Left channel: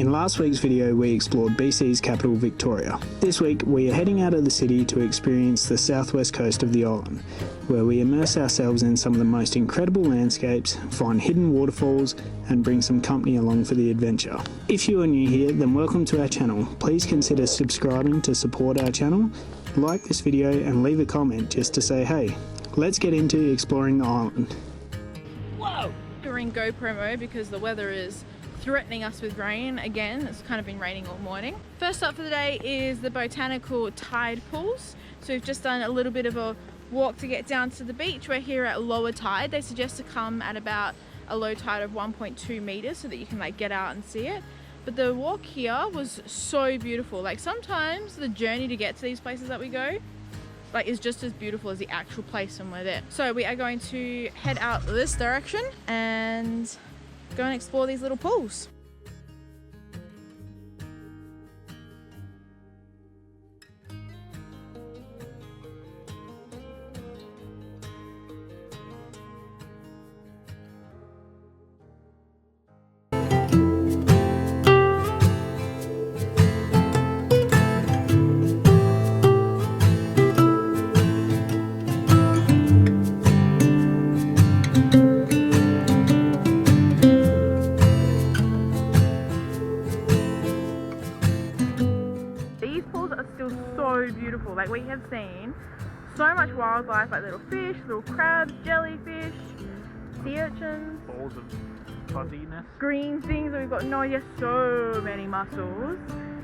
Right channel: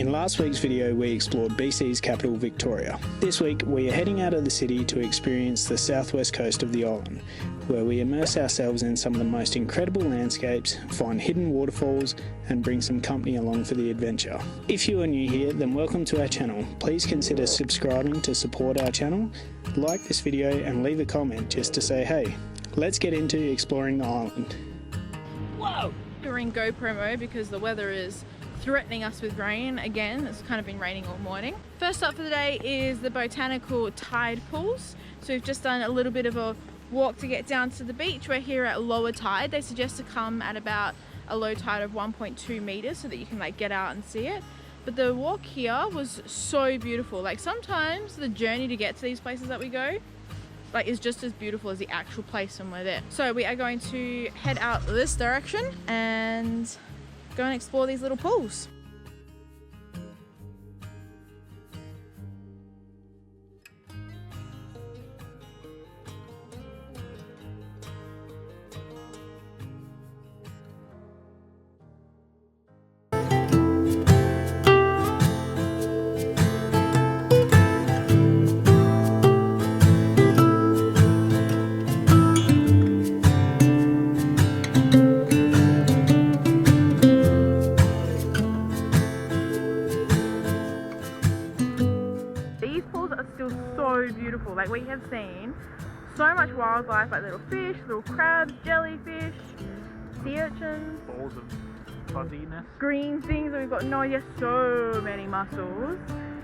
In last week's video, we explored BC's capital, Victoria. This week, we are heading out of the city to experience the southwest coast of the island, where we immerse ourselves in some of the most incredible landscapes, find hidden waterfalls, and bring some company along for the adventure. If you are new here, then welcome to our channel. Please consider subscribing to support our channel, like this video, and leave a comment just to say hey. Let's get into exploring the island. Whoa! We're in GoPro mode because the weather is threatening us with rain again. It's kind of been raining all morning. First up for the day is the Botanical Tide Pools. So we've just done a little bit of a walk to get down to the beach. We're here at lower tide. They suggest to come at about a low tide of 1.2 meters so that you can like get out and see it. But the walk here was so beautiful. Like sometimes the journey to get to these places that we go like is just as beautiful as the actual place when we're there. So we are going to head out this direction and go and explore these little pools. Beautiful. Like we have seen so much wildlife, like little fish, little crabs, jellyfish, sea urchins, Balls of fuzziness. Green things, and we've got no idea, so many mussels.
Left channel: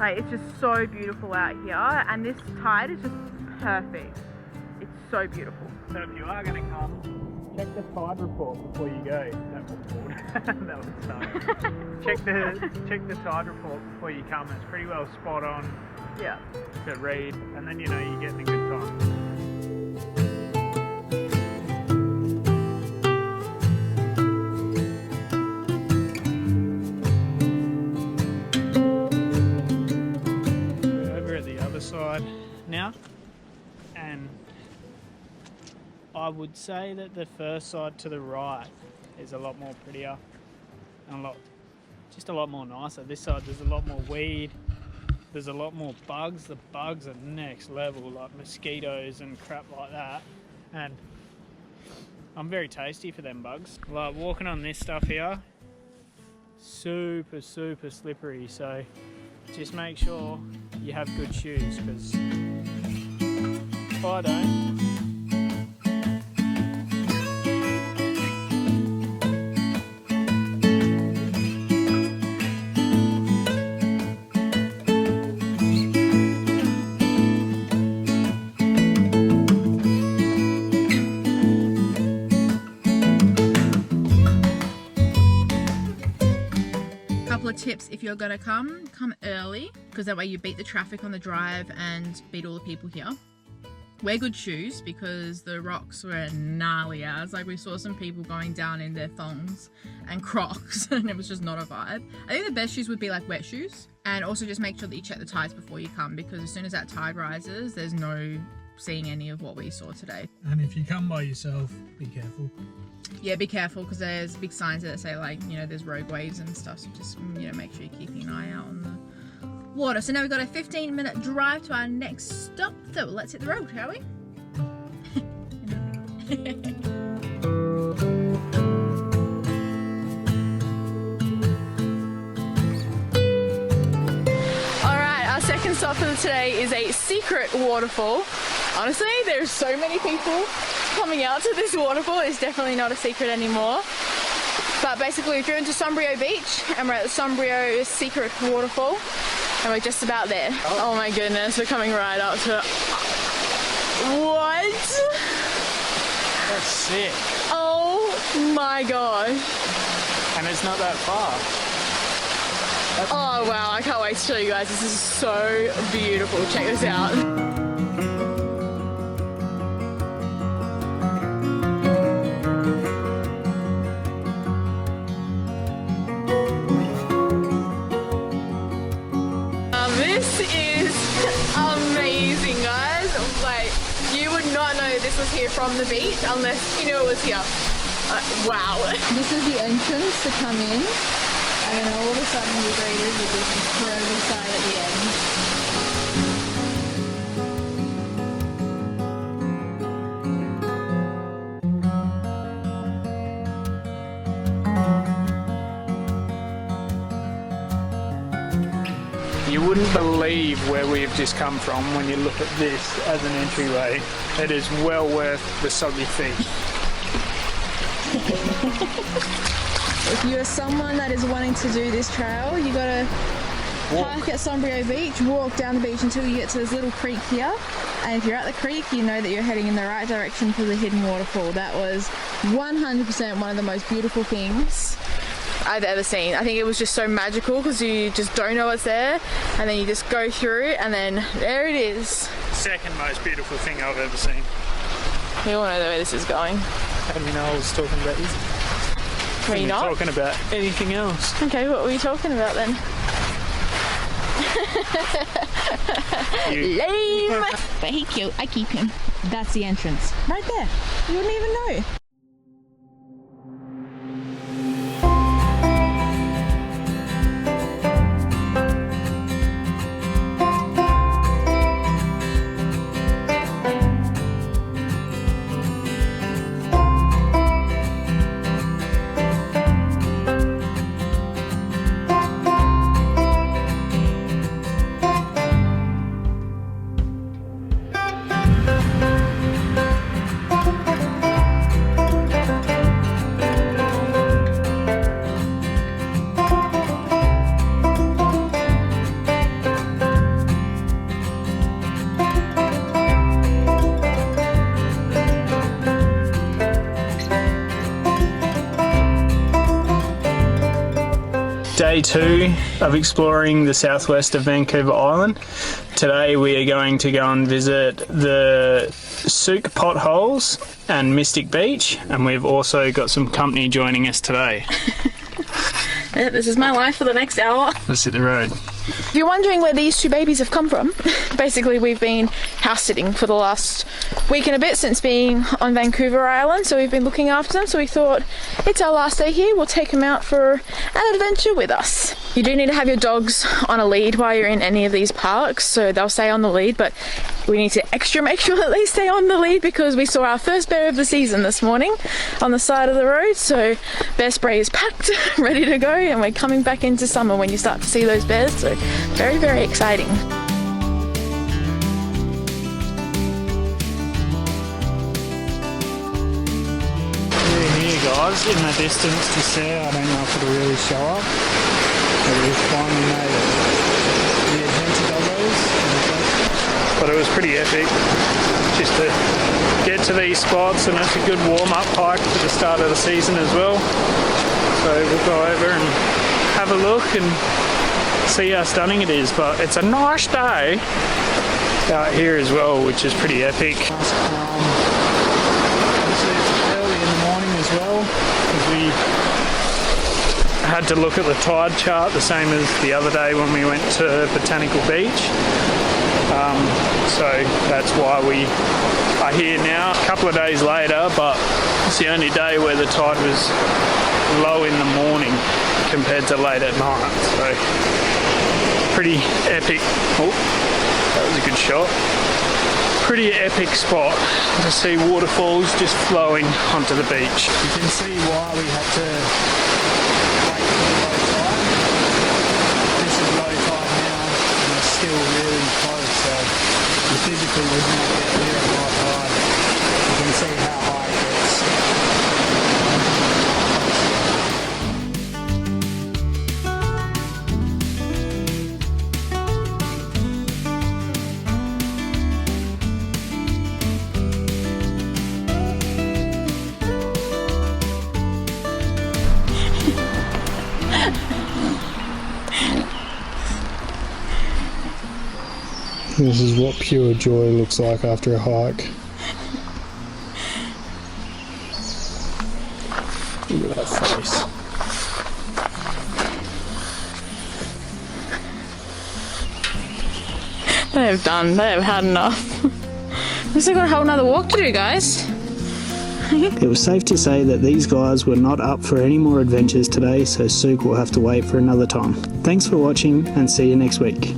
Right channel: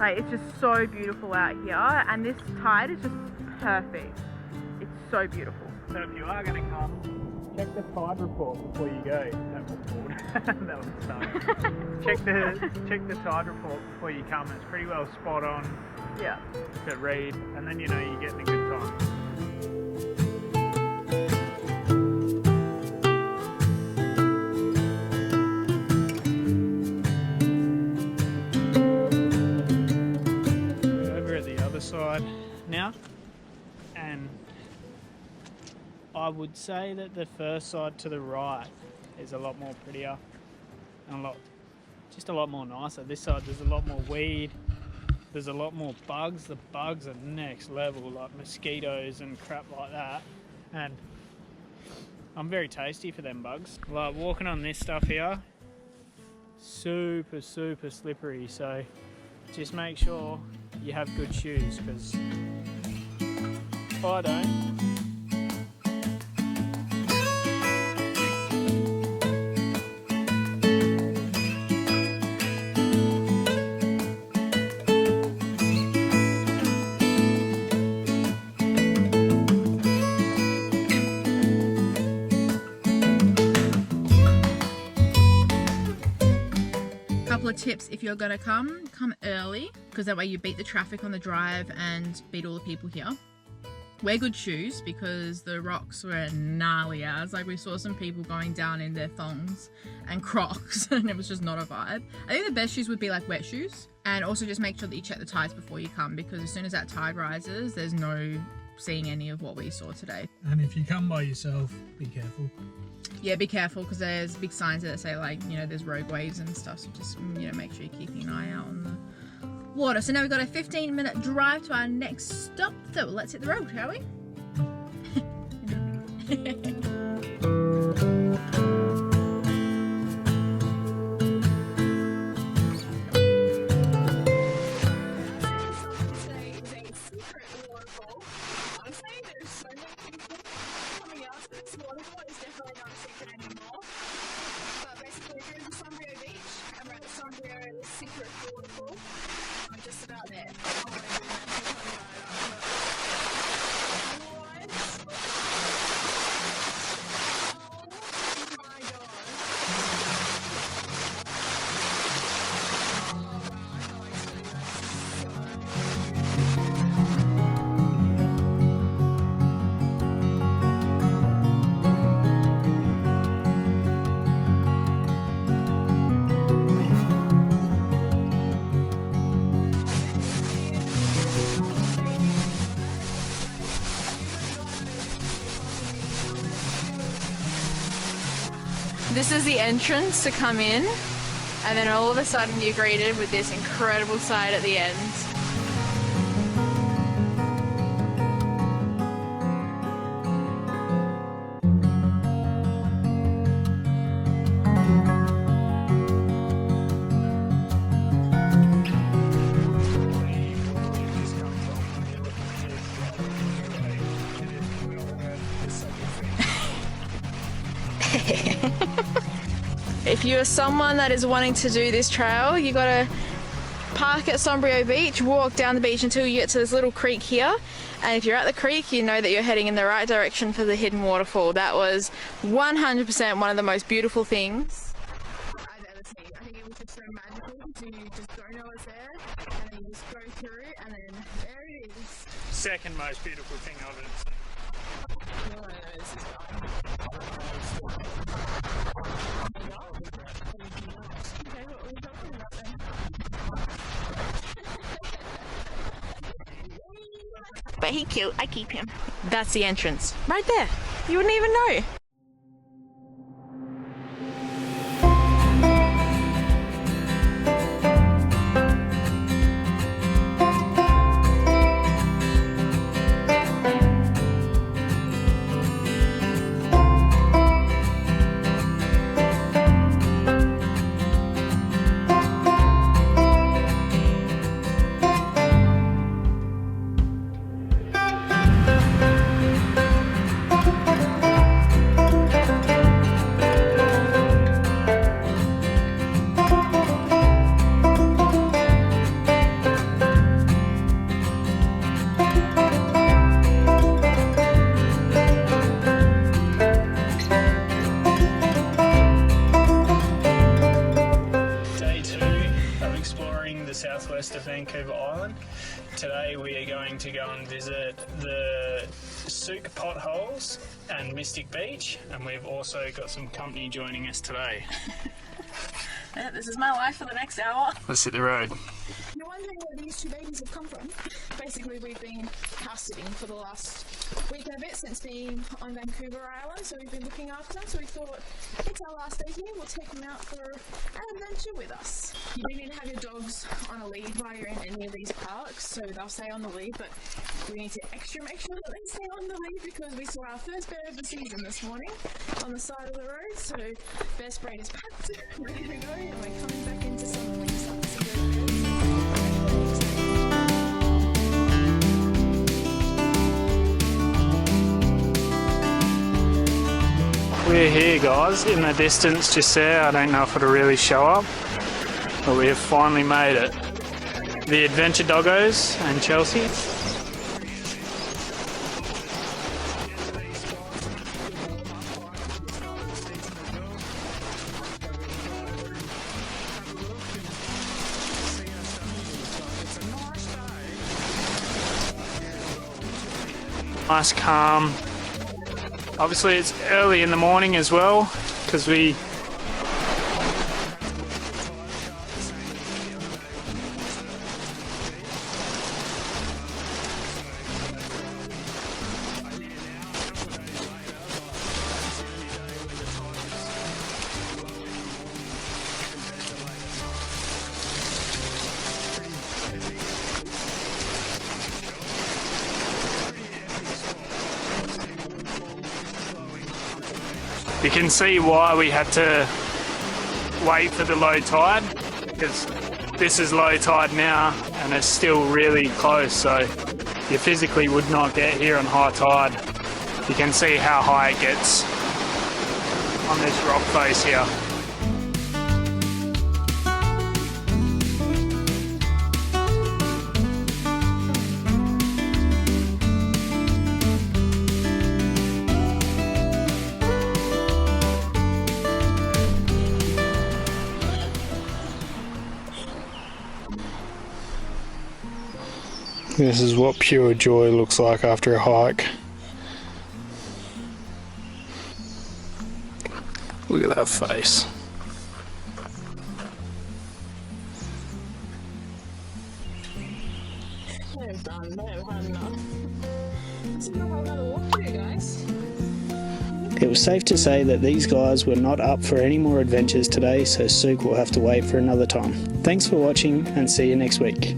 Like it's just so beautiful out here, and this tide is just perfect. It's so beautiful. So if you are going to come, check the tide report before you go. That was bored. That was fun. check the tide report before you come. It's pretty well spot on. Yeah. To read, and then you know you're getting a good time. We're over at the other side now, and I would say that the first side to the right is a lot more prettier and just a lot more nicer. This side there's a lot more weed. There's a lot more bugs. The bugs are next level, like mosquitoes and crap like that. And I'm very tasty for them bugs. Like walking on this stuff here, super slippery. So just make sure you have good shoes, because I don't. Tips: if you're gonna come early, because that way you beat the traffic on the drive and beat all the people here. Wear good shoes because the rocks were gnarly as. Like we saw some people going down in their thongs and Crocs and it was just not a vibe. I think the best shoes would be like wet shoes, and also just make sure that you check the tides before you come, because as soon as that tide rises there's no seeing any of what we saw today. And if you come by yourself, be careful. Yeah, be careful, because there's big signs that say like, you know, there's rogue waves and stuff, so just, you know, make sure you're keeping an eye out on the water. So now we've got a 15-minute drive to our next stop, so let's hit the road, shall we? Alright, our second stop for today is a secret waterfall. Honestly, there's so many people coming out to this waterfall. It's definitely not a secret anymore. But basically we've driven to Sombrio Beach and we're at the Sombrio secret waterfall and we're just about there. Oh my goodness, we're coming right up to it. What? That's sick. Oh my gosh. And it's not that far. Oh wow, I can't wait to show you guys. This is so beautiful. Check this out. From the beach unless you knew it was here. Wow. This is the entrance to come in, And then all of a sudden you're greeted with this incredible sight at the end. Where we've just come from when you look at this as an entryway. It is well worth the soggy feet. If you are someone that is wanting to do this trail, you gotta park at Sombrio Beach, walk down the beach until you get to this little creek here, and if you're at the creek you know that you're heading in the right direction for the hidden waterfall. That was 100% one of the most beautiful things I've ever seen. I think it was just so magical because you just don't know what's there and then you just go through and then there it is. Second most beautiful thing I've ever seen. We all know where this is going. I mean, I was talking about this. Were you not? Talking about anything else. Okay, what were you talking about then? Lame! But he's cute, I keep him. That's the entrance. Right there. You wouldn't even know. Day 2 of exploring the southwest of Vancouver Island. Today we are going to go and visit the Souk potholes and Mysitic Beach, and we've also got some company joining us today. Yeah, this is my life for the next hour. Let's hit the road. If you're wondering where these two babies have come from, basically we've been house sitting for the last week and a bit since being on Vancouver Island, so we've been looking after them, so we thought it's our last day here, we'll take them out for an adventure with us. You do need to have your dogs on a lead while you're in any of these parks, so they'll stay on the lead, but we need to extra make sure that they stay on the lead because we saw our first bear of the season this morning on the side of the road, so bear spray is packed, ready to go, and we're coming back into summer when you start to see those bears, so very, very exciting. We're here, guys, in the distance just there. I don't know if it'll really show up, but we've finally made it. The adventure doggos in Chelcie, but it was pretty epic just to get to these spots, and it's a good warm-up hike for the start of the season as well. So we'll go over and have a look and see how stunning it is, but it's a nice day out here as well, which is pretty epic. Nice calm. Obviously it's early in the morning as well because we had to look at the tide chart the same as the other day when we went to Botanical Beach. So that's why we are here now. A couple of days later, but it's the only day where the tide was low in the morning compared to late at night. So pretty epic. Oh, that was a good shot. Pretty epic spot to see waterfalls just flowing onto the beach. You can see why we had to wait for the low tide. This is low tide now and it's still really close, so you physically would not get here on high tide. You can see how high it gets on this rock face here. This is what pure joy looks like after a hike. Look at that face. They have done, they have had enough. We've still got a whole nother walk to do, guys. time. It was safe to say that these guys were not up for any more adventures today, so Sook will have to wait for another time. Thanks for watching and see you next week.